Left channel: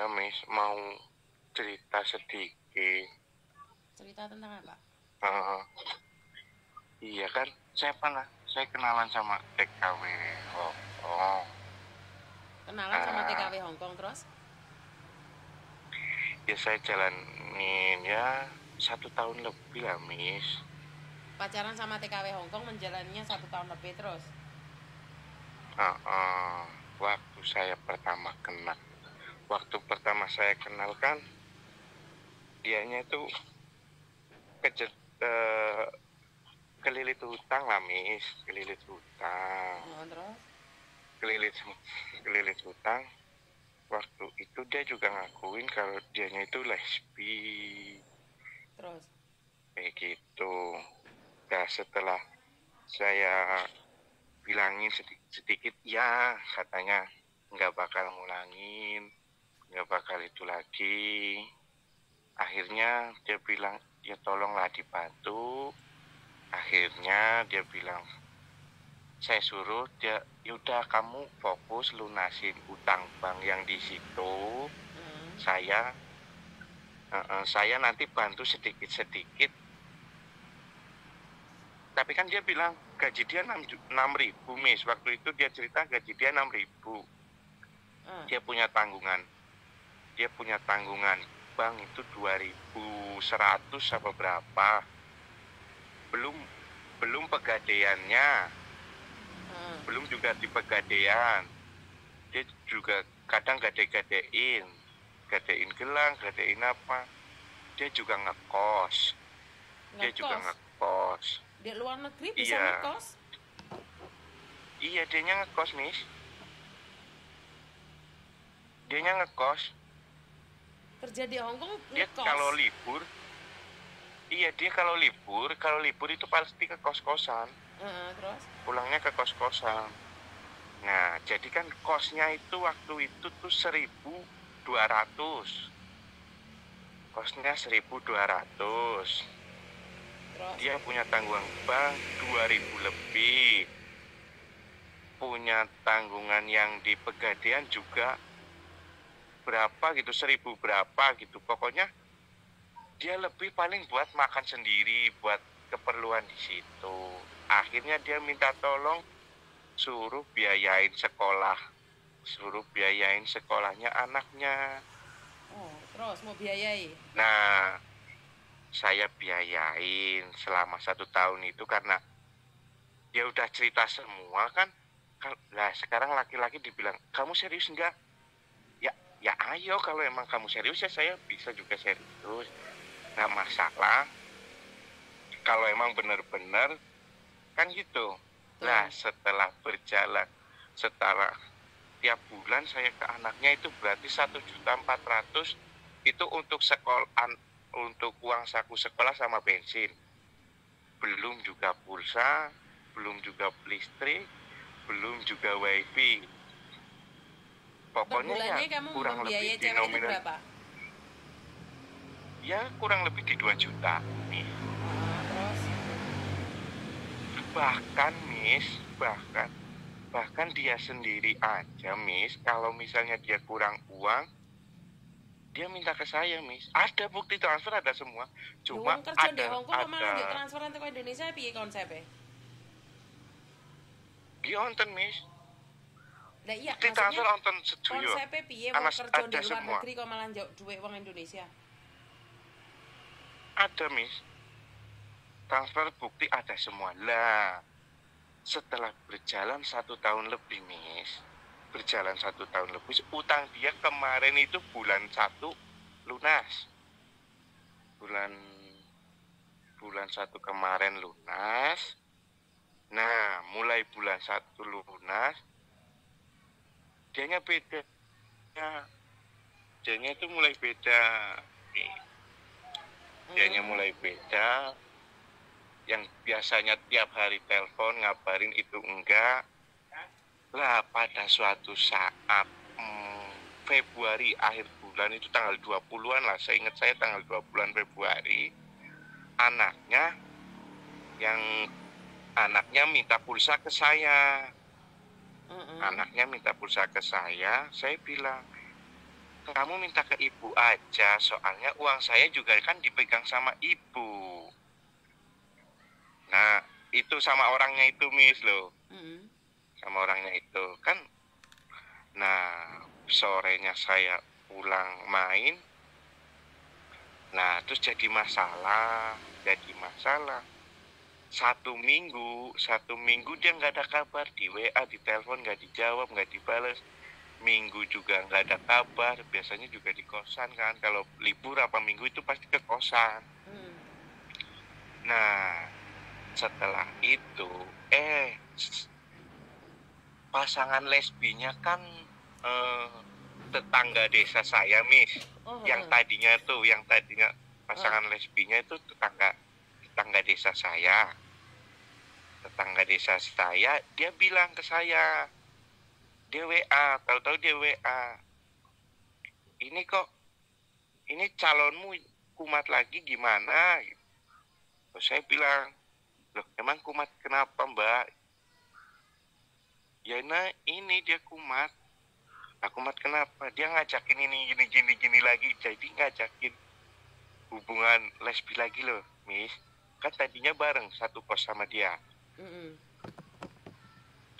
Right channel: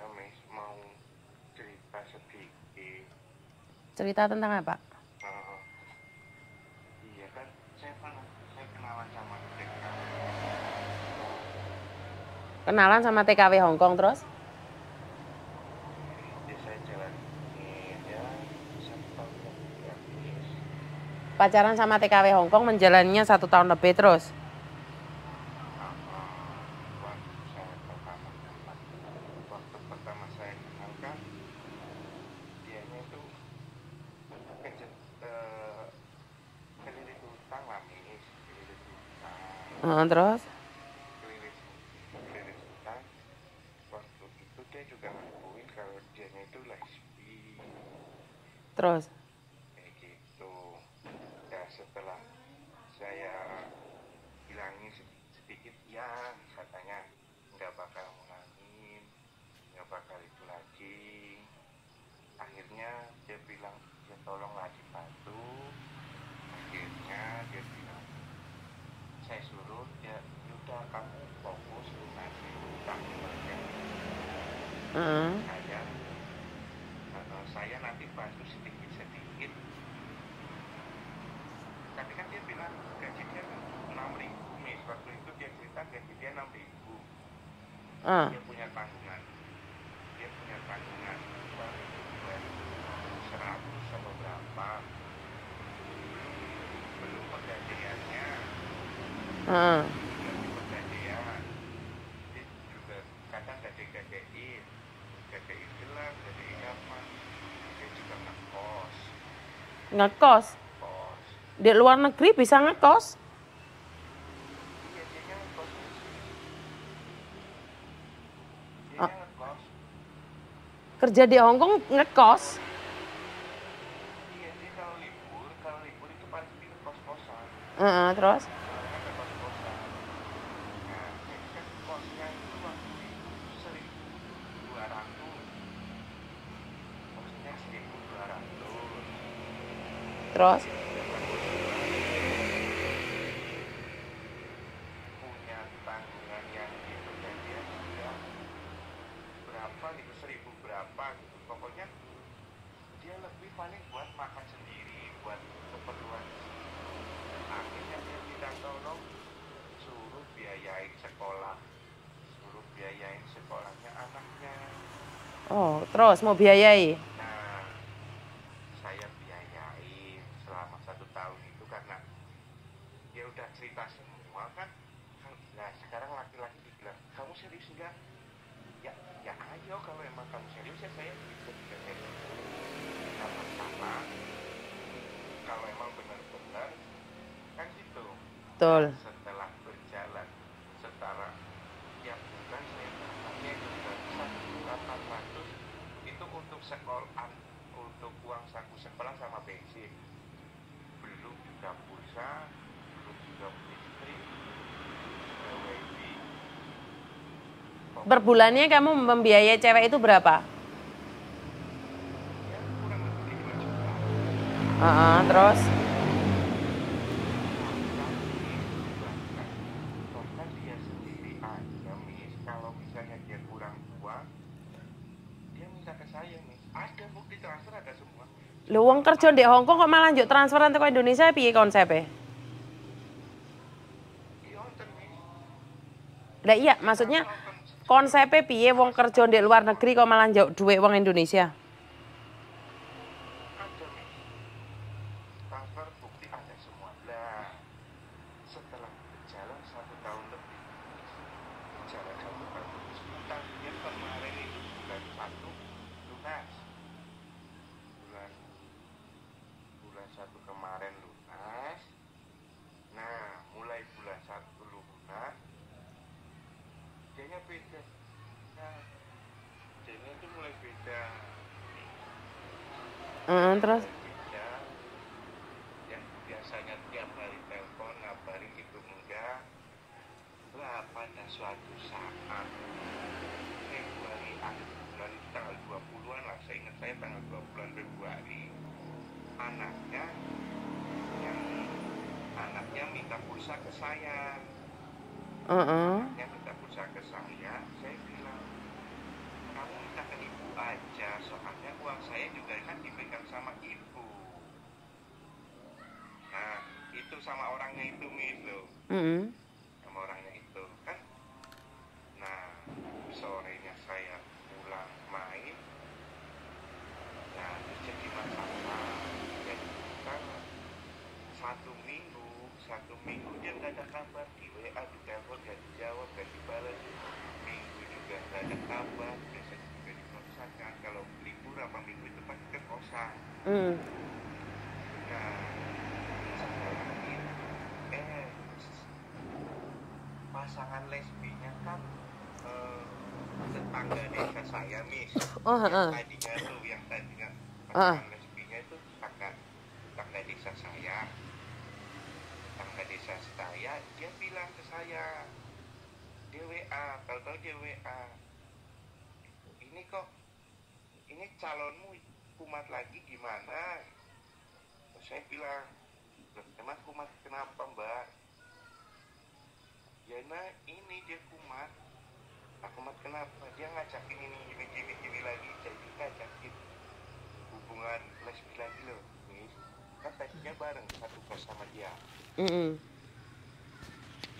Iya, Miss, mau cerita sedikit. Cerita tentang apa? Eh, iya kan, saya kenalan sama TKW Hongkong. Kenalan sama Nah, TKW Hongkong terus? ya saya jalanin ya 1 tahun lebih lah, Miss. Pacaran sama TKW Hongkong menjalannya 1 tahun lebih terus? Waktu saya pertama saya kenal kan, dianya itu kejet, eh, kelilit hutang lah, Miss, kelilit hutang, Terus? kelilit kelilit hutang. Waktu itu dia juga ngakuin kalau dianya itu lesbi, Terus? kayak gitu. Nah, setelah saya bilangin sedikit-sedikit, ya katanya nggak bakal ngulangin, nggak bakal itu lagi. Akhirnya dia bilang, ya tolonglah dibantu. Akhirnya dia bilang, saya suruh dia, yaudah kamu fokus lunasin utang bank yang di situ. Saya saya nanti bantu sedikit-sedikit. Tapi kan dia bilang gaji dia 6.000, Miss. Waktu itu dia cerita gaji dia 6.000. Dia punya tanggungan. Dia punya tanggungan bank itu 2.100 apa berapa. Belum pegadaiannya. Belum juga di pegadaian. Dia juga kadang gadein gelang, gadein apa. Dia juga ngekos. Ngekos? Di luar negeri bisa Iya. ngekos? Iya, dianya ngekos, Miss. Dianya ngekos. Kerja di Hongkong ngekos? Kalau libur, iya dia kalau libur itu pasti ke kos-kosan. Terus? Pulangnya ke kos-kosan. Nah, jadi kan kosnya itu waktu itu tuh 1.200. Kosnya 1.200. Terus? Dia punya tanggungan bank 2.000 lebih. Punya tanggungan yang di pegadaian juga berapa gitu, 1.000 berapa gitu. Pokoknya dia lebih paling buat makan sendiri, buat keperluan di situ. Akhirnya dia minta tolong suruh biayain sekolahnya anaknya. Oh, terus mau biayai? Nah, saya biayain selama 1 tahun itu karena dia udah cerita semua kan. Nah, sekarang laki-laki dibilang, kamu serius enggak? Ya ayo, kalau emang kamu serius ya saya bisa juga serius. Nggak masalah. Kalau emang benar-benar kan gitu. Nah, setelah tiap bulan saya ke anaknya itu berarti 1.400.000 itu untuk untuk uang saku sekolah sama bensin. Belum juga pulsa, belum juga listrik, belum juga wifi. Per bulannya kamu membiayai cewek itu berapa? Ya kurang lebih di 2 juta. Terus? Bahkan, Miss, bahkan dia sendiri aja, Miss, kalau misalnya dia kurang uang, dia minta ke saya, Miss. Ada bukti transfer, ada semua. Lu uang kerja di Hongkong kok malah lanjut transferan ke Indonesia, piye konsepnya? Gionten, Miss. Lah iya, maksudnya konsepnya piye wong kerja di luar negeri kok malah njok duit wong Indonesia? Ada, Miss. Transfer bukti ada semua. Lah, setelah berjalan 1 tahun lebih, Miss. Berjalan 1 tahun lebih, utang dia kemarin itu bulan 1 lunas. Bulan 1 kemarin lunas. Nah, mulai bulan 1 lunas, dianya beda. Dianya itu mulai beda. Dianya mulai beda. Yang biasanya tiap hari telepon ngabarin itu enggak. Lah, pada suatu saat Februari akhir bulan itu tanggal 20-an lah, saya ingat saya tanggal 20-an Februari, anaknya minta pulsa ke saya. Anaknya minta pulsa ke saya bilang, kamu minta ke ibu aja, soalnya uang saya juga kan dipegang sama ibu. Nah, itu sama orangnya itu, Miss, loh. Sama orangnya itu. Kan, nah, sorenya saya pulang main. Nah, terus jadi masalah. Satu minggu dia nggak ada kabar. Di WA, di telepon nggak dijawab, nggak dibalas. Minggu juga nggak ada kabar. Biasanya juga di kosan kan. Kalau libur apa minggu itu pasti ke kosan. Nah, setelah itu pasangan lesbinya kan tetangga desa saya, Miss. Yang tadinya pasangan lesbinya itu tetangga desa saya. Tetangga desa saya, dia bilang ke saya, dia WA, tahu-tahu dia WA, ini calonmu kumat lagi gimana? Terus saya bilang, loh emang kumat kenapa, Mbak? Ya nah ini dia kumat. Nah, kumat kenapa? Dia ngajakin ini gini lagi, jadi ngajakin hubungan lesbi lagi loh, Miss. Kan tadinya bareng satu kos sama dia.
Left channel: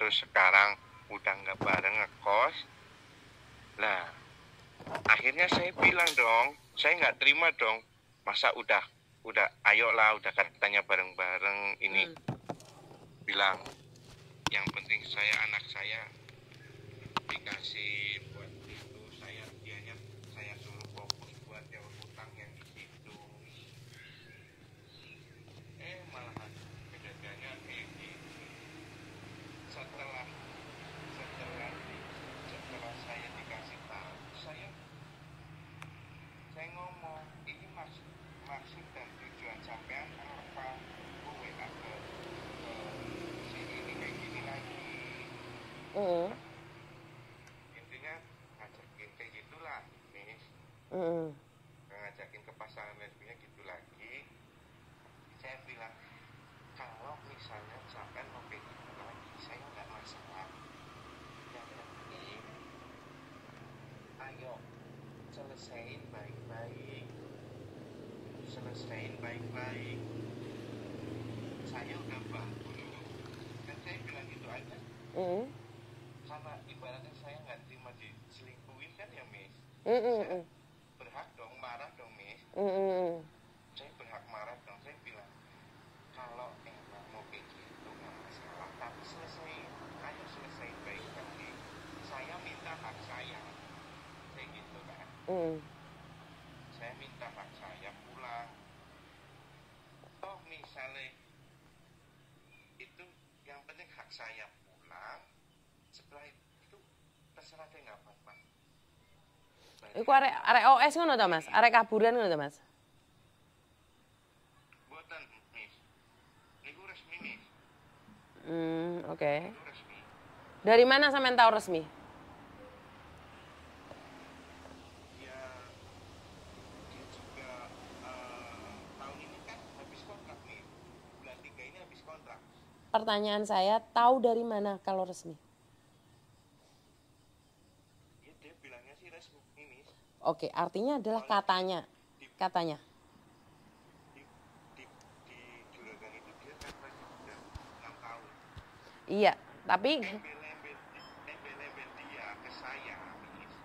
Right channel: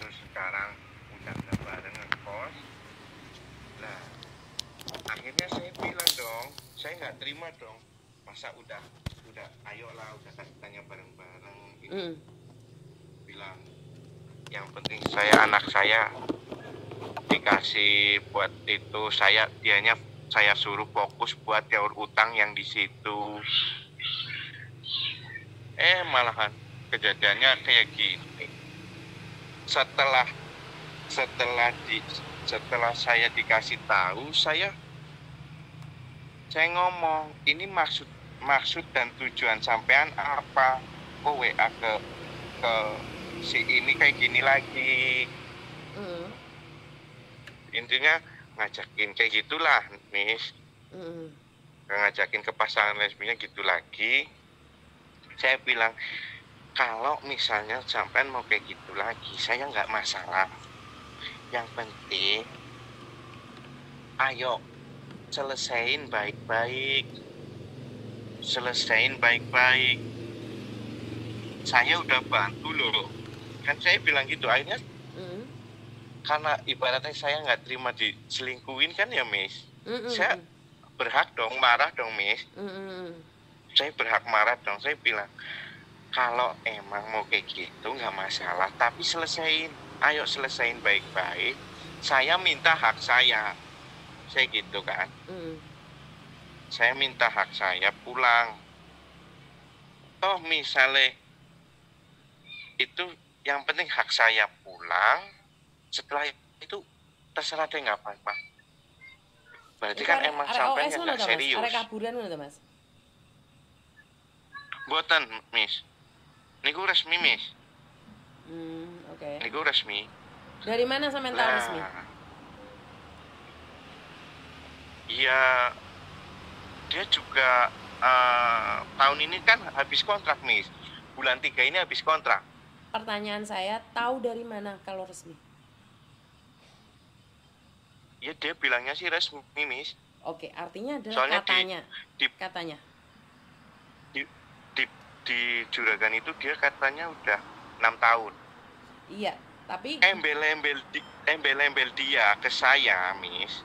Terus sekarang udah nggak bareng ngekos. Nah, akhirnya saya bilang dong, saya nggak terima dong. Masa udah ayolah, udah katanya bareng-bareng ini. Bilang, yang penting anak saya dikasih buat itu, saya suruh fokus buat nyaur utang yang di situ. Malahan kejadiannya kayak gini. Setelah saya dikasih tahu, saya ngomong, ini maksud dan tujuan sampean apa? Kok WA ke si ini kayak gini lagi? Intinya ngajakin kayak gitulah, Miss. Ngajakin ke pasangan lesbinya gitu lagi. Saya bilang, kalau misalnya sampean mau kayak gitu lagi, saya nggak masalah. Yang penting, ayo selesain baik-baik. Saya udah bantu loh. Kan saya bilang gitu, akhirnya karena ibaratnya saya nggak terima diselingkuhin kan ya, Miss. Saya berhak dong marah dong, Miss. Saya berhak marah dong. Saya bilang, kalau emang mau kayak gitu nggak masalah, tapi ayo selesain baik-baik. Saya minta hak saya gitu kan. Saya minta hak saya pulang. Toh misalnya itu yang penting hak saya pulang. Setelah itu terserah deh nggak apa-apa. Berarti kan emang sampai nggak serius. Arek kaburan nggak Mas? Buatan, Miss. Niku resmi, Miss. Oke. Niku resmi. Dari mana sampean tahu resmi? Iya, dia juga tahun ini kan habis kontrak, Miss. Bulan 3 ini habis kontrak. Pertanyaan saya, tahu dari mana kalau resmi? Ya dia bilangnya sih resmi, Miss. Oke, artinya adalah soalnya katanya. Di Juragan itu dia katanya udah 6 tahun. Iya, tapi embel-embel dia ke saya, Miss.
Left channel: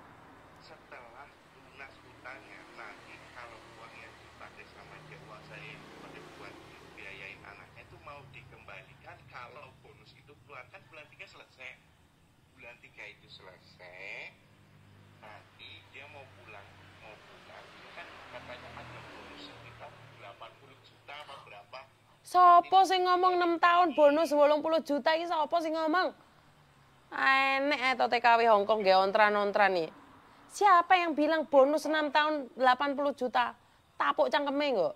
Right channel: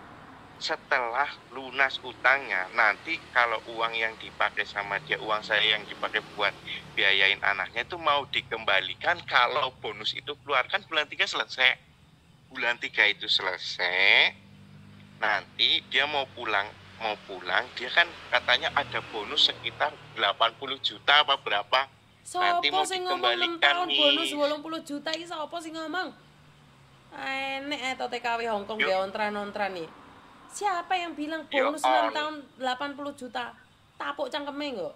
Setelah lunas utangnya, nanti kalau uang yang dipakai sama dia, uang saya yang dipakai buat biayain anaknya itu mau dikembalikan kalau bonus itu keluar. Kan bulan 3 selesai. Bulan 3 itu selesai. Nanti dia mau pulang, dia kan katanya ada bonus sekitar 80 juta apa berapa. Sopo sing ngomong 6 tahun bonus 80 juta ini sopo sing ngomong? Enek atau TKW Hongkong dia ontran-ontran nih. Siapa yang bilang bonus 6 tahun 80 juta? Tapuk cangkeme kok.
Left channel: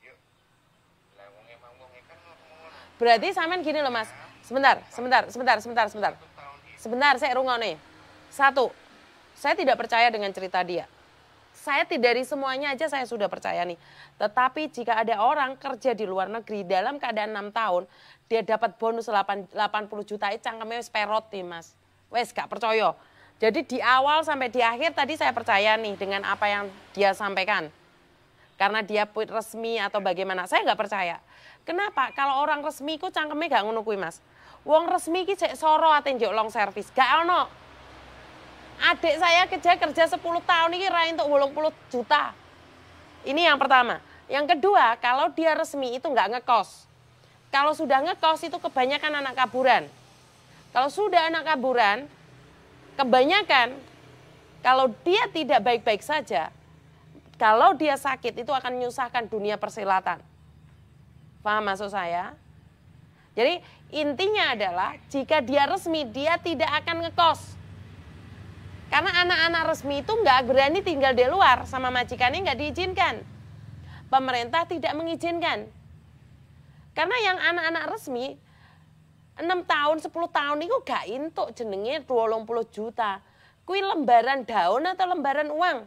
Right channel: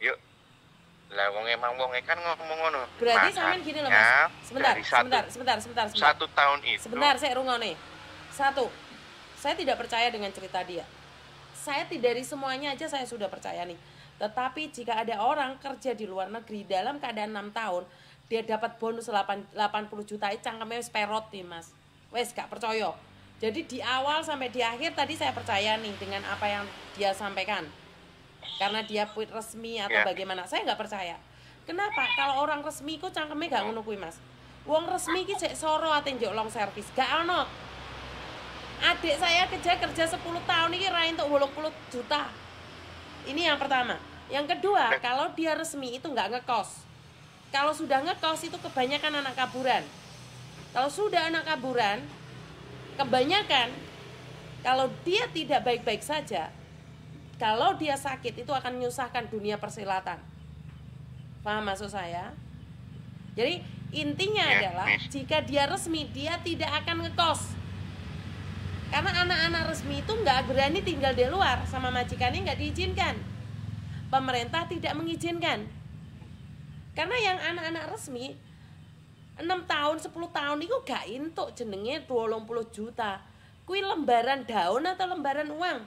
Yuk. Lah wong kan ngomong ngono. Berarti sampean gini loh, Mas. Sebentar. 1 tahun itu. Sebentar, saya rungokne. 1. Saya tidak percaya dengan cerita dia. Saya dari semuanya aja saya sudah percaya nih. Tetapi jika ada orang kerja di luar negeri dalam keadaan 6 tahun, dia dapat bonus 80 juta, itu cangkeme wis perot nih, Mas. Wes gak percaya. Jadi di awal sampai di akhir tadi saya percaya nih dengan apa yang dia sampaikan. Karena dia resmi atau bagaimana, saya nggak percaya. Kenapa? Kalau orang resmi ku cangkeme gak ngono kuwi, Mas. Wong resmi ki cek soro ate njuk long service, gak ono. Adik saya kerja 10 tahun ini ra entuk 80 juta. Ini yang pertama. Yang kedua, kalau dia resmi itu nggak ngekos. Kalau sudah ngekos itu kebanyakan anak kaburan. Kalau sudah anak kaburan, kebanyakan kalau dia tidak baik-baik saja, kalau dia sakit itu akan menyusahkan dunia persilatan. Paham maksud saya? Jadi intinya adalah jika dia resmi, dia tidak akan ngekos. Karena anak-anak resmi itu nggak berani tinggal di luar, sama majikannya nggak diizinkan. Pemerintah tidak mengizinkan. Karena yang anak-anak resmi 6 tahun, 10 tahun itu gak entuk jenenge 20 juta. Kui lembaran daun atau lembaran uang.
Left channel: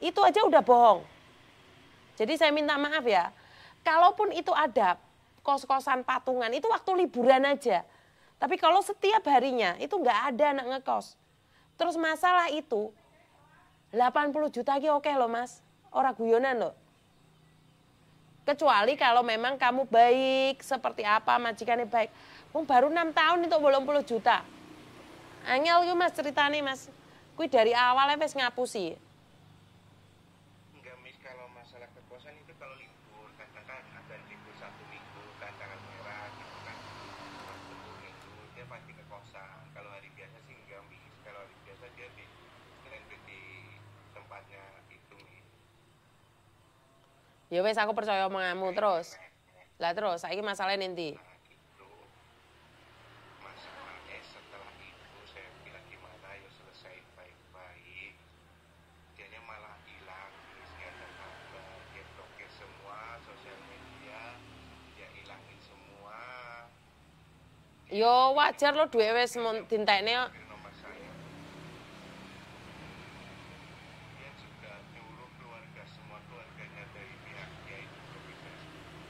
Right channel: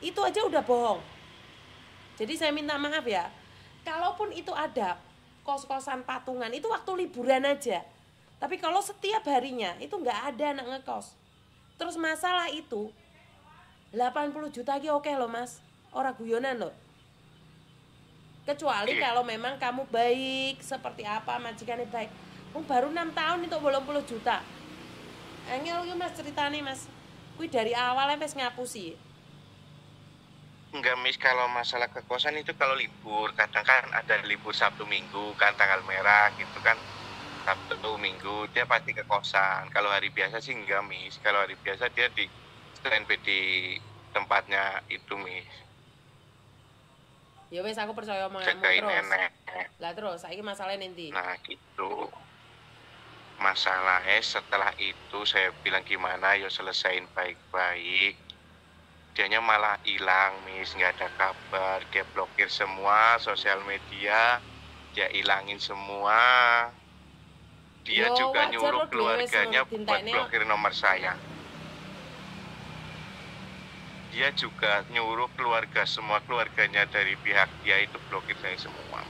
Itu aja udah bohong. Jadi saya minta maaf ya. Kalaupun itu ada kos-kosan patungan, itu waktu liburan aja. Tapi kalau setiap harinya itu gak ada anak ngekos. Terus masalah itu 80 juta ki oke loh Mas. Orang guyonan loh. Kecuali kalau memang kamu baik, seperti apa, majikannya baik. Baru 6 tahun itu 80 juta. Angel yuk Mas ceritanya Mas. Kui dari awalnya Mas ngapusi. Enggak Miss, kalau masalah kekosan itu kalau libur, kadang kan ada libur Sabtu Minggu kan tanggal merah gitu kan. Sabtu Minggu dia pasti ke kosan. Kalau hari biasa sih enggak Miss. Kalau hari biasa dia di standby di tempatnya itu Miss. Ya wes aku percaya omonganmu terus. Lah terus saiki masalahnya nanti. Nah gitu. Masalahnya setelah itu saya bilang gimana ya selesain baik-baik. Dianya malah hilang Miss, nggak ada kabar. Dia blokir semua sosial media, dia hilangin semua. Dia juga nyuruh keluarganya buat blokir nomor saya. Dia juga nyuruh semua keluarganya dari pihak dia itu blokir saya semua.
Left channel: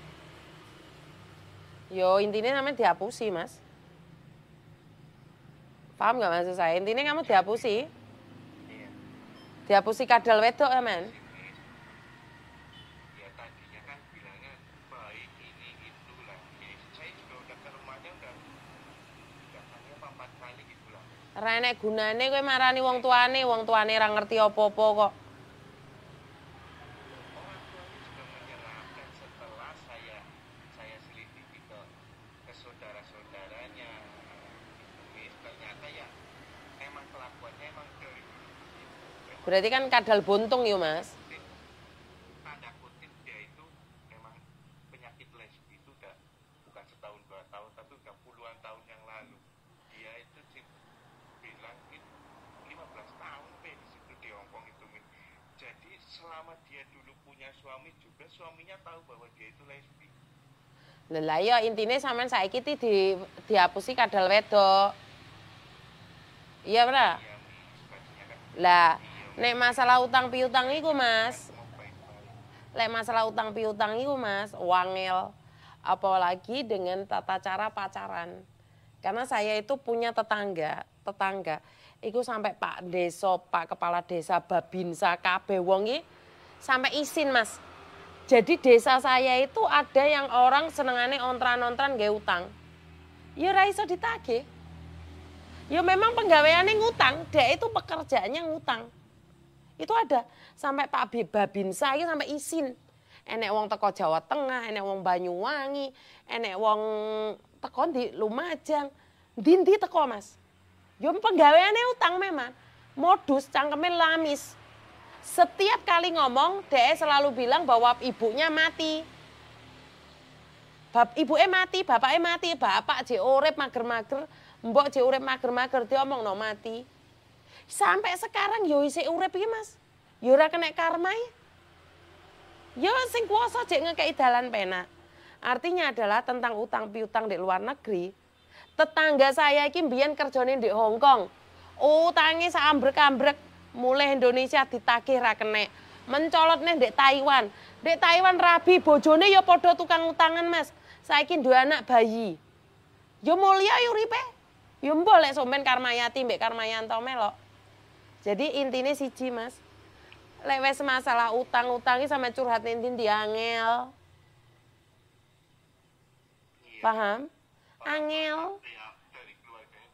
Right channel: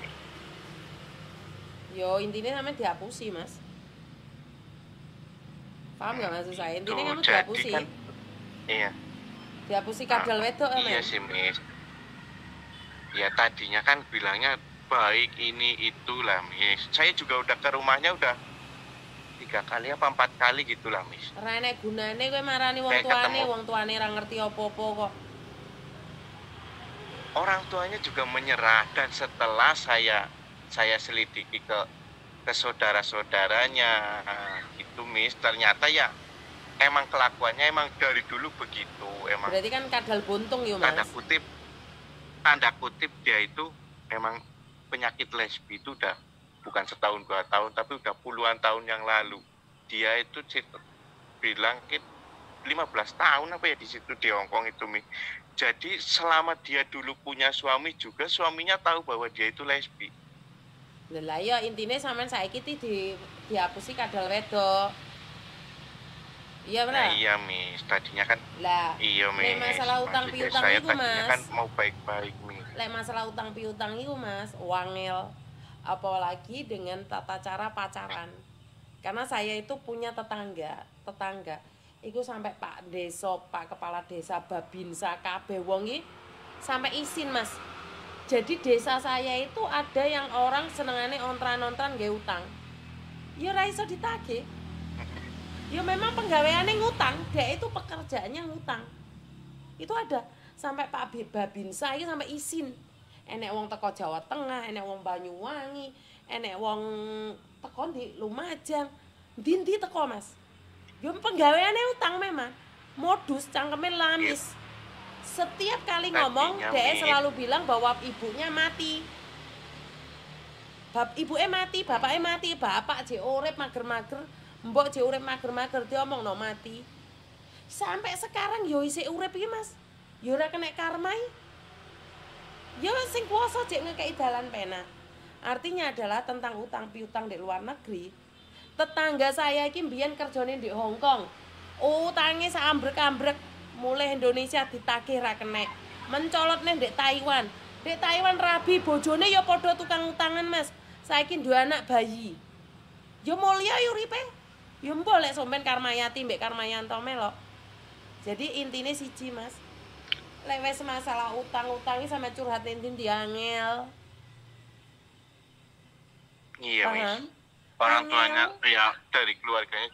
Yo intinya namanya dihapusi Mas. Paham nggak maksud saya? Intinya kamu dihapusi. Kan, iya. Dihapusi kadal wedok Iya sih Miss. Ya tadinya kan bilangnya baik ini itulah Miss. Saya juga udah ke rumahnya udah 3 kali apa 4 kali gitulah Miss. Ra enek gunane kowe marani wong tuane ra ngerti apa-apa kok. Orang tuanya juga menyerah dan setelah saya selidiki ke saudara-saudaranya itu Miss, ternyata ya emang kelakuannya emang dari dulu begitu emang. Berarti kan kadal buntung ya Mas. Tanda kutip dia itu memang penyakit lesbi itu udah bukan setahun 2 tahun tapi udah puluhan tahun yang lalu. Dia itu bilang 15 tahun apa ya di situ di Hongkong itu Mi. Jadi selama dia dulu punya suami juga suaminya tahu bahwa dia itu lesbi. Lah ya intinya sampean saiki dihapusi kadal wedok. Iya benar. Nah, iya Miss, tadinya kan. Lah. Iya Miss. Nek masalah utang piutang iku Mas. Kan mau baik-baik Miss. Lek masalah utang piutang iku Mas, wangil. Apalagi dengan tata cara pacaran. Karena saya itu punya tetangga iku sampai Pak Desa, Pak Kepala Desa, Babinsa, kabeh wong iki sampai izin Mas. Jadi desa saya itu ada yang orang senengane ontran-ontran nggih utang. Ya ora iso ditagih. Ya memang penggaweane ngutang, dia itu pekerjaannya ngutang. Itu ada sampai Pak Babinsa iki sampai izin. Enek wong teko Jawa Tengah, enek wong Banyuwangi, enek wong teko di Lumajang. Ndi teko Mas. Yo penggaweane utang memang. Modus cangkeme lamis. Setiap kali ngomong dia selalu bilang bahwa ibunya mati. Ibuke mati, bapaknya mati, bapak jek urip mager-mager, mbok jek urip mager-mager dia omongno mati. Sampai sekarang yo isih urip iki Mas. Yo ora kena karma. Yo sing kuwasa jek ngekeki dalan penak. Artinya adalah tentang utang piutang di luar negeri. Tetangga saya iki mbiyen kerjane di Hongkong. Utange sak ambrek-ambrek, mulai Indonesia ditagih ra kenek. Mencolotne ndek Taiwan. Ndek Taiwan rabi bojone ya padha tukang utangan Mas. Saiki duwe anak bayi. Yo mulya uripe. Ya mbok lek sampean Karmayati mbek Karmayanto melok. Jadi intine siji, Mas. Lek wis masalah utang-utang iki sampe curhat ning ndi angel. Iya, Paham? Miss. Orang Angel. tuanya ya dari keluarganya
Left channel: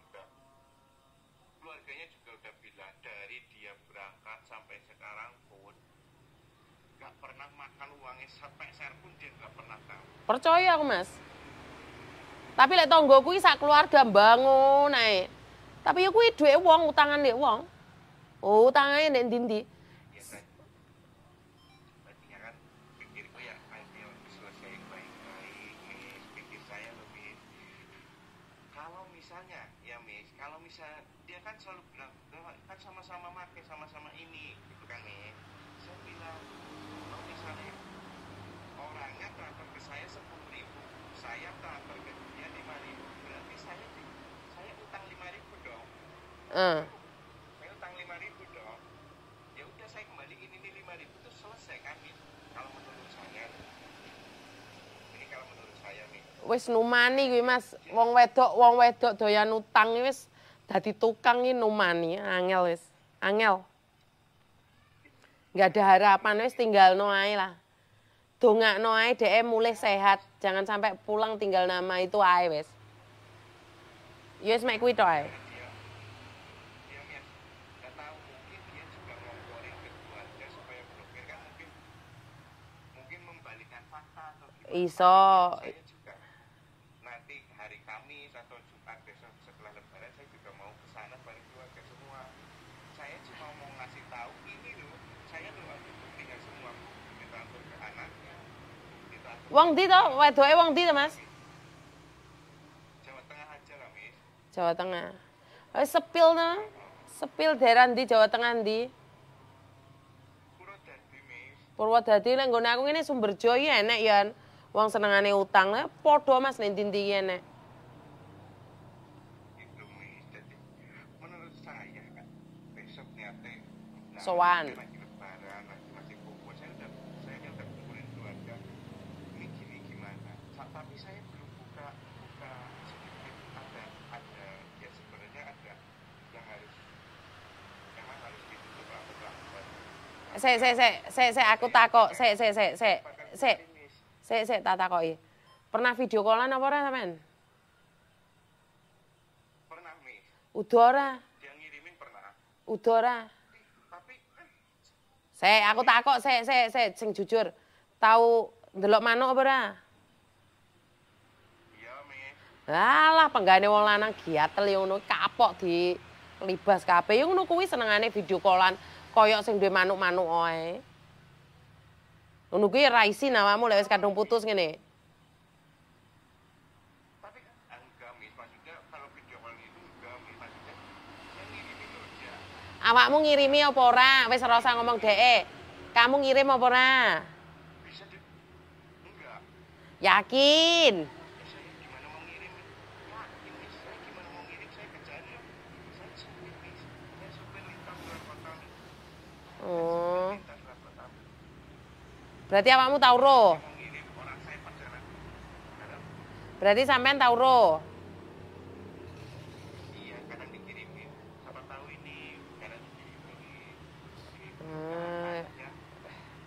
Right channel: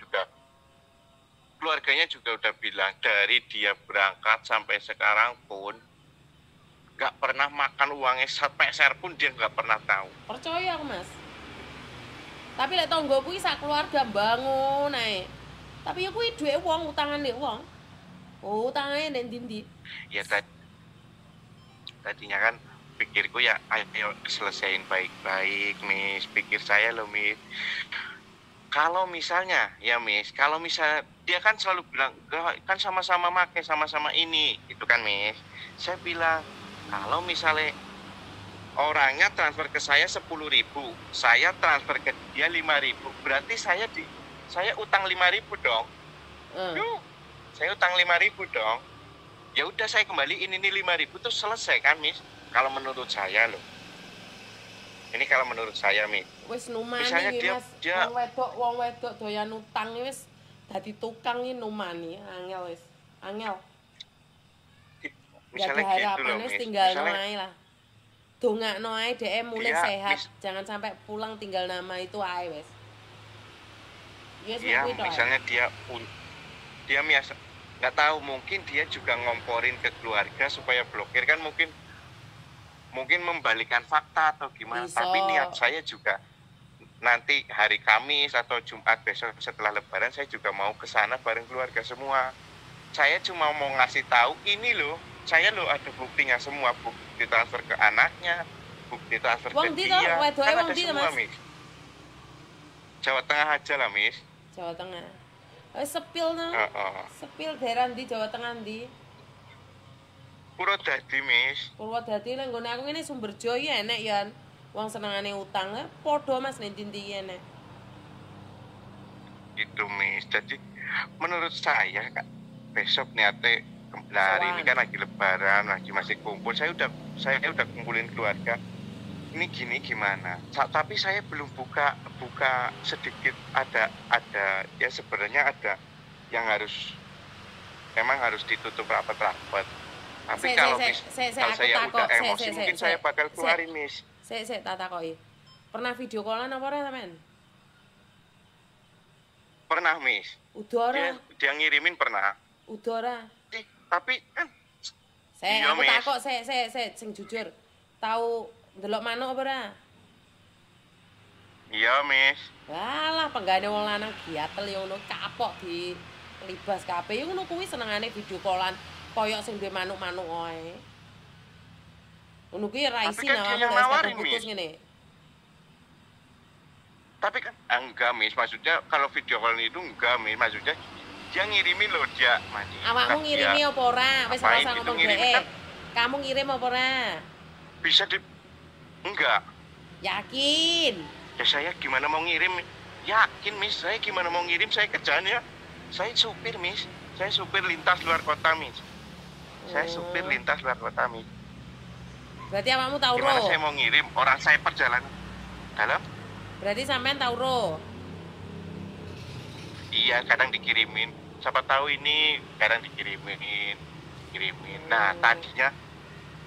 juga udah bilang dari dia berangkat sampai sekarang pun nggak pernah makan uangnya sepeser pun dia nggak pernah tahu. Percaya aku, Mas. Tapi lek tangga kuwi sak keluarga bangun ae. Tapi ya kuwi duwe wong, utangan ndek wong. Oh, utangane ndek ndi-ndi. Ya tadinya kan pikirku ya ayo selesaiin baik-baik, Miss. Pikir saya loh, Miss. Kalau misalnya ya, Miss, kalau misalnya dia kan selalu bilang kan sama-sama make, sama-sama ini, gitu kan, Miss. Saya bilang kalau misalnya orangnya transfer ke saya 10.000, saya transfer ke dia 5.000, berarti saya utang 5.000 dong. Yuh, saya utang 5.000 dong. Ya udah saya kembaliin ini 5.000 tuh selesai kan, Miss? Kalau menurut saya loh. Ini kalau menurut saya, Miss. Wis numani Misalnya iki, Mas. dia- Wong wedok doyan utang iki wis dadi tukang iki numani, angel wis. Angel. Gak ada Misalnya harapan gitu loh, wis Miss. tinggal Misalnya- ae lah. Dongakno ae dhek mulai Dia, sehat, Miss. jangan sampai pulang tinggal nama itu ae wis. Ya wis mek Iya, kuwi tok ae. misalnya dia biasa nggak tahu, mungkin dia juga ngomporin ke keluarga supaya blokir kan, mungkin membalikkan fakta atau gimana. Iso. Tapi niat saya juga nanti hari Kamis atau Jumat besok setelah Lebaran saya juga mau ke sana bareng keluarga semua. Saya cuma mau ngasih tahu ini loh, saya loh ada buktinya semua, bukti transfer ke anaknya, bukti transfer Wong ke ndi dia. toh? Wedoke Kan wong ada ndi, semua, Mas? Miss. Jawa Tengah aja lah, Miss. Jawa Tengah. Sepil to. Heeh. Sepil daerah ndi Jawa Tengah ndi? Purwodadi, Miss. Purwodadi lek nggone aku ngene Sumberjo iki enek ya. Wong senengane utang lah padha Mas ning ndi enek. Gitu, Miss. Jadi menurut saya Kak, besok niatnya hari ini Soan. kan lagi Lebaran, lagi masih kumpul. Saya udah kumpulin keluarga. Ini gini gimana? Tapi saya belum buka sedikit, ada ya sebenarnya ada yang emang harus ditutup rapat-rapat. Tapi kalau aku saya takok, udah emosi, mungkin saya bakal keluarin, Miss. Sik tak takoki. Pernah video callan apa ora sampean? Pernah, Miss. Udah ora? Dia ngirimin pernah. Udah ora? Tapi kan Saya Iya, aku Miss. takok sing jujur. Tahu ndelok manuk apa ora? iya, Miss. Alah penggane wong lanang giatel yo ngono kapok di libas kabeh. Yo ngono kuwi senengane video callan koyok sing duwe manuk-manuk ae. Ngono kuwi ra Tapi isin kan dia awakmu yang lek wis kadung nawarin, putus Miss. ngene. Tapi kan enggak, Miss. Maksudnya kalau video call itu enggak, Miss. Maksudnya dia ngirimin loh, dia mandi. Awakmu ngirimi apa ora? Wis ora Main usah gitu, ngomong ngirimin dhek. kan. Kamu ngirim apa ora? Bisa enggak. Yakin? Ya saya gimana mau ngirim? Yakin, Miss. Saya gimana mau ngirim? Saya kerjaannya. Saya supir, Miss. Saya supir lintas luar kota, Miss. Saya supir Oh. lintas luar kota, Miss. Berarti awakmu tau Gimana ro? saya mau ngirim? Orang saya perjalanan dalam. Berarti sampean tau ro? Iya, kadang dikirimin. Siapa tahu ini kadang dikirimin. Nah, tadinya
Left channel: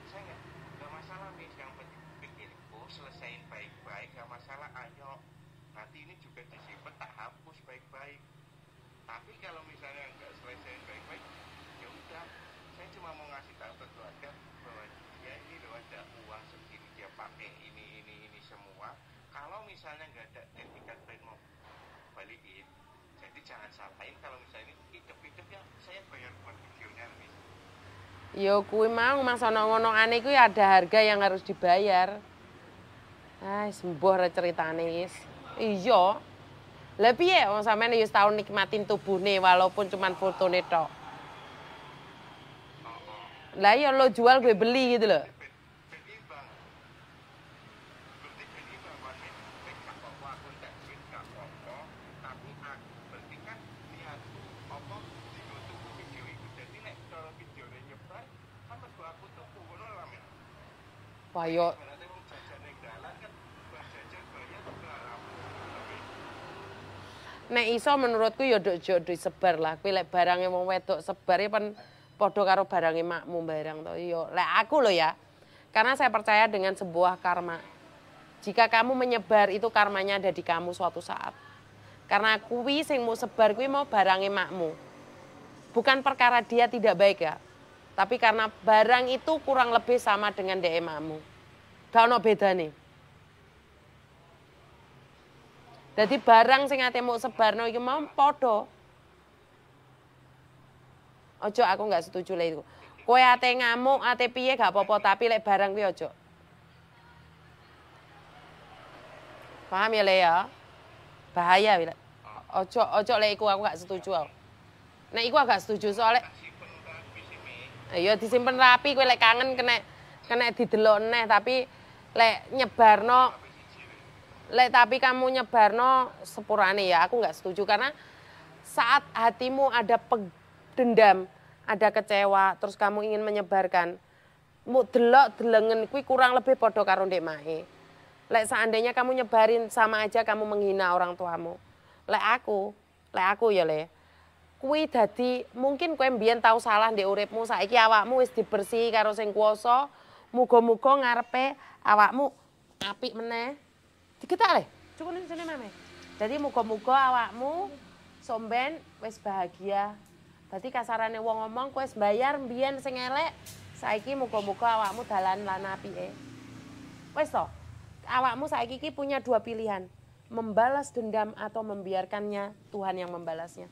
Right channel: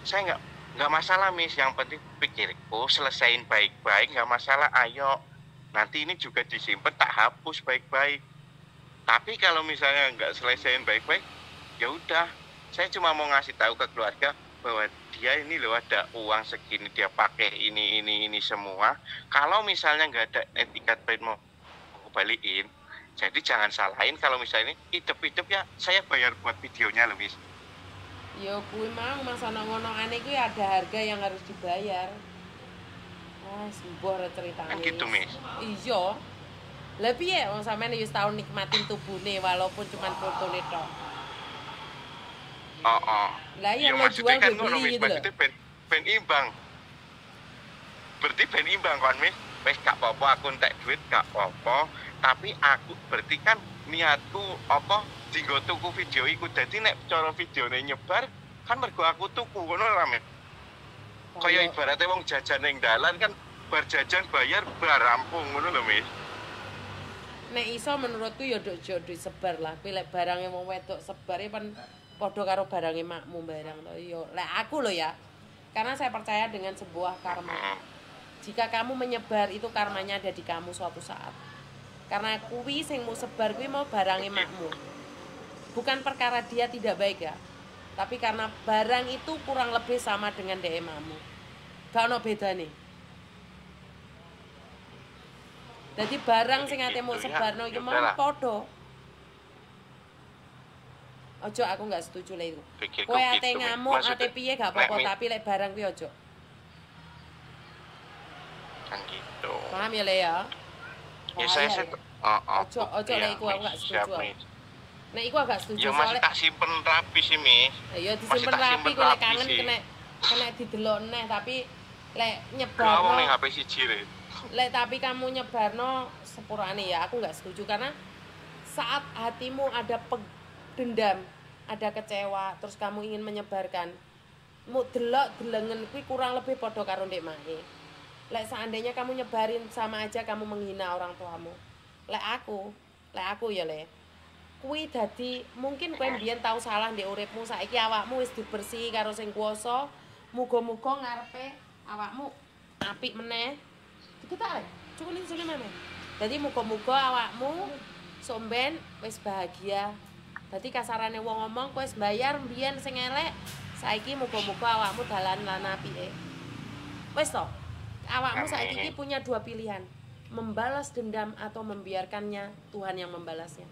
saya nggak masalah, Miss. Yang penting pikirku selesain baik-baik, nggak masalah. Ayo, nanti ini juga disimpan, tak hapus baik-baik. Tapi kalau misalnya nggak selesaiin baik-baik, ya udah. Saya cuma mau ngasih tahu ke keluarga bahwa dia ini loh ada uang segini, dia pakai ini semua. Kalau misalnya nggak ada etikat baik mau aku balikin, jadi jangan salahin kalau misalnya ini hidup ya saya bayar buat videonya loh, Miss. Yo kuwi mau Mas ana ngono-ane kuwi ada harga yang harus dibayar. Ah, sembuh re ceritane. Kan gitu, Miss. Iya. Lah piye wong sampean wis tau nikmatin tubuhne walaupun cuman fotone tok. Oh. Lah yang lo maksudnya jual gue kan beli Miss, gitu loh. maksudnya ben imbang. Berarti ben imbang kan, Miss. Wes gak apa-apa aku entek duit gak apa-apa, tapi aku berarti kan niatku apa dienggo tuku video iku. Dadi nek cara videone nyebar kan mergo aku tuku ngono lho, Miss. Kaya ibaratnya wong jajan ning dalan kan bar jajan bayar bar rampung ngono lho, Miss. nek iso menurutku ya nduk disebar lah. Kuwi lek barange wong wedok sebar ya pan padha karo barange makmu barang to. Ya lek aku lho ya. Karena saya percaya dengan sebuah karma. Jika kamu menyebar itu karmanya ada di kamu suatu saat. Karena kuwi sing mau sebar kuwi mau barange makmu. Bukan perkara dia tidak baik ya. Tapi karena barang itu kurang lebih sama dengan dhek makmu. Gak ono bedane. Jadi barang sing ate mau sebarno iki mau padha. Ojo aku nggak setuju lek iku. Kowe ate ngamuk, ate piye gak apa-apa, tapi lek barang kuwi ojo. Kan gitu. Paham ya, Le ya? Bahaya lek. Ojo lek iku aku nggak setuju. Nek iku agak setuju soalnya tak simpen rapi sih, Mis. Iya disimpen rapi kowe lek kangen kena didelok neh tapi lek nyebarno HP siji le. Lek tapi kamu nyebarno sepurane ya, aku nggak setuju karena saat hatimu ada dendam, ada kecewa, terus kamu ingin menyebarkan, mu delok delengen kuwi kurang lebih padha karo ndek mae. Lek seandainya kamu nyebarin sama aja kamu menghina orang tuamu. Lek aku ya le. Kuwi dadi mungkin kowe mbiyen tau salah ndek uripmu, saiki awakmu wis dibersihi karo sing kuwasa. Muga-muga ngarepe awakmu apik meneh. Diketak le, cukul sini maneh. Dadi muga-muga awakmu somben wis bahagia. Dadi kasarane wong ngomong kowe wis bayar mbiyen sing elek, saiki muga-muga awakmu dalan lan apike. Wis to. Awakmu saiki iki punya dua pilihan, membalas dendam atau membiarkannya Tuhan yang membalasnya.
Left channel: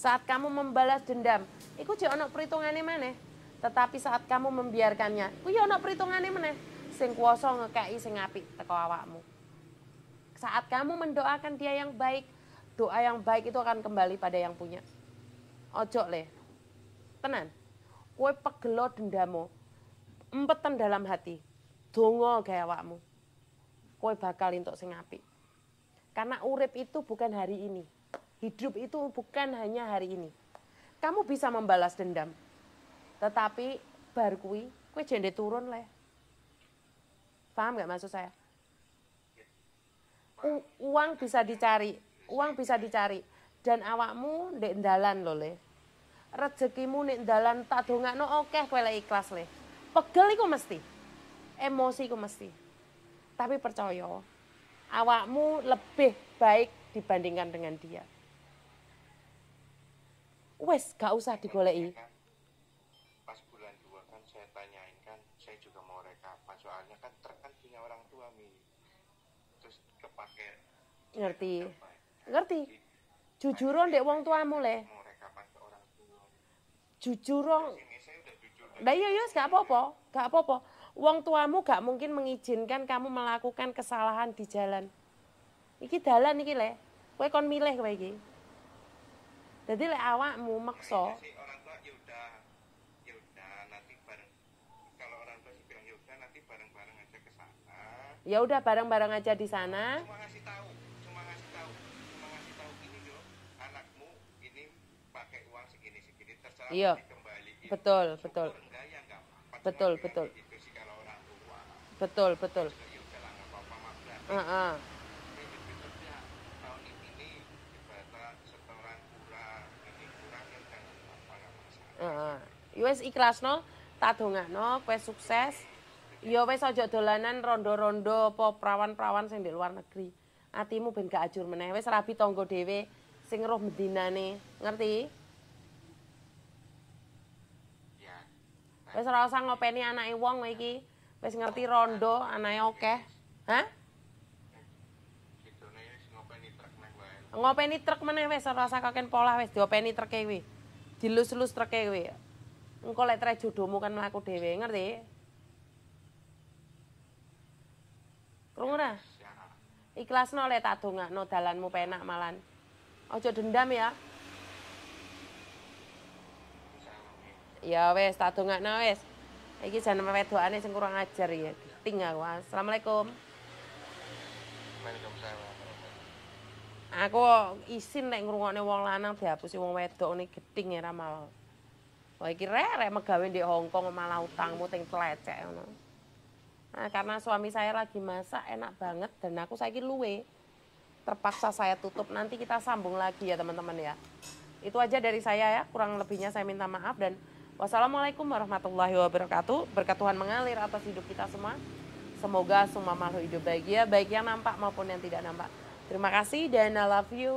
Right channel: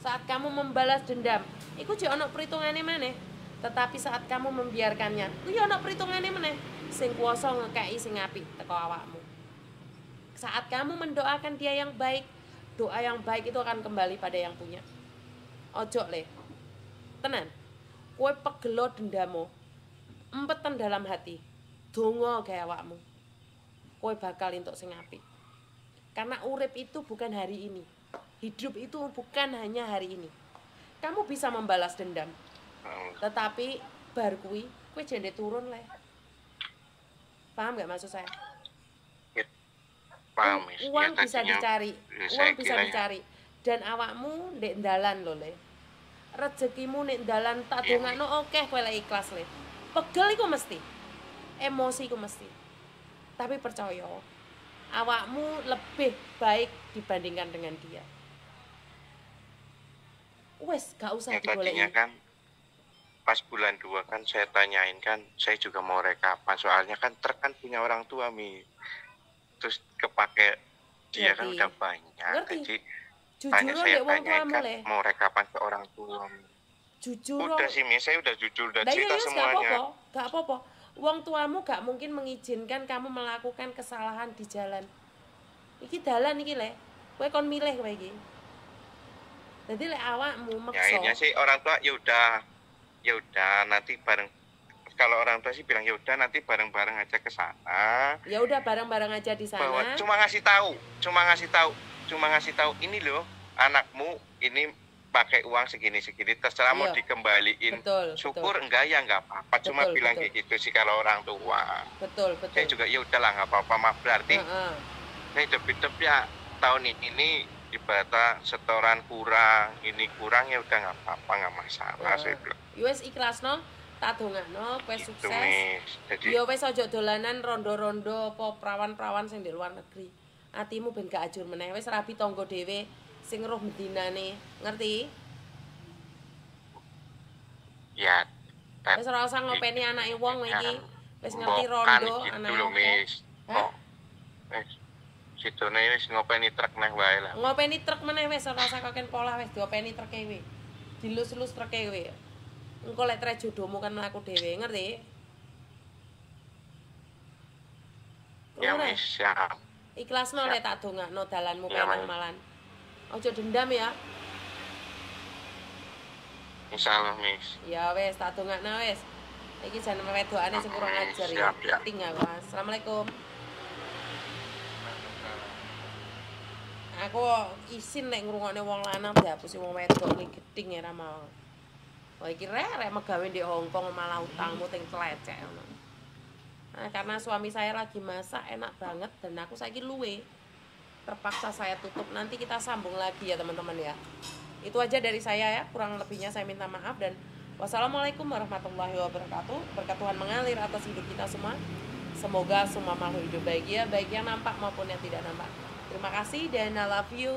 Saat kamu membalas dendam, iku jek ana perhitungane maneh. Tetapi saat kamu membiarkannya, kuwi ana perhitungane meneh. Sing kuwasa ngekeki sing apik teko awakmu. Saat kamu mendoakan dia yang baik, doa yang baik itu akan kembali pada yang punya. Ojo le. Tenan. Kowe pegelo dendammu. Empetan dalam hati. Donga gawe awakmu. Kowe bakal entuk sing apik. Karena urip itu bukan hari ini. Hidup itu bukan hanya hari ini. Kamu bisa membalas dendam. Tetapi bar kuwi kowe jende turun le. Paham gak maksud saya? Paham, uang bisa dicari, uang bisa dicari. Dan awakmu ndek ndalan lho le. Rezekimu nek ndalan tak dongakno akeh kowe lek ikhlas le. Pegel iku mesti. Emosi iku mesti. Tapi percaya, awakmu lebih baik dibandingkan dengan dia. Wes, gak usah digoleki. Kan pas bulan 2 kan saya tanyain kan, saya juga mau rekapan soalnya kan truk kan punya orang tua Mi. Terus kepake dia kan udah banyak. Ngerti. Jadi jujur saya wong tuamu kan le. mau rekapan ke orang tua. Jujur. Udah sih Mi, saya udah jujur udah nah, cerita semuanya. Gak apa-apa. Wong tuamu gak mungkin mengizinkan kamu melakukan kesalahan di jalan. Iki dalan iki le. Kowe kon milih kowe iki. Jadi lek awakmu maksa. Ya ini sih orang tua ya udah nanti bareng. Kalau orang tua sih bilang ya udah nanti bareng-bareng aja ke sana. Ya udah bareng-bareng aja di sana. Bahwa cuma ngasih tahu ini loh anakmu ini pakai uang segini terserah mau dikembaliin. Betul, syukur betul. Enggak ya enggak apa-apa cuma bilang kayak gitu sih kalau orang tua. Betul. Saya juga ya udahlah enggak apa-apa mak berarti. Saya hidup ya tahun ini ibaratnya setoran kurang, ini kurang ya udah nggak apa-apa, nggak masalah. Saya bilang. Wes ikhlasno, tak dongakno, kowe sukses. Yo wes aja dolanan rondo-rondo apa prawan-prawan sing di luar negeri. Atimu ben gak ajur meneh, wes rabi tangga dhewe sing roh medinane, ngerti? Ya. Wes ora usah ngopeni anake wong iki. Wes ngerti rondo anake akeh. Hah? Situne wis ngopeni truk neh wae lah. Ngopeni truk meneh wis ora usah koken pola wis diopeni truke kuwi. Dilus-lus truke kuwi. Engko lek tre jodohmu kan mlaku dhewe, ngerti? Ya wis siap. Ikhlasno lek tak dongakno dalanmu penak malan. Aja dendam ya. Insyaallah, Miss. Ya wis tak dongakno wis. Iki jan wedokane sing kurang ajar ya. Tinggal. Assalamualaikum. Aku isin nek ngrungokne wong lanang dihapusi wong wedok li gedhing ya ra mau. Wah iki rek megawe ndek Hongkong malah utangmu ting tlecek ngono. Nah, karena suami saya lagi masak enak banget dan aku saiki luwe. terpaksa saya tutup. Nanti kita sambung lagi ya teman-teman ya. Itu aja dari saya ya, kurang lebihnya saya minta maaf dan wassalamualaikum warahmatullahi wabarakatuh. Berkat Tuhan mengalir atas hidup kita semua. Semoga semua makhluk hidup bahagia, baik yang nampak maupun yang tidak nampak. Terima kasih dan I love you.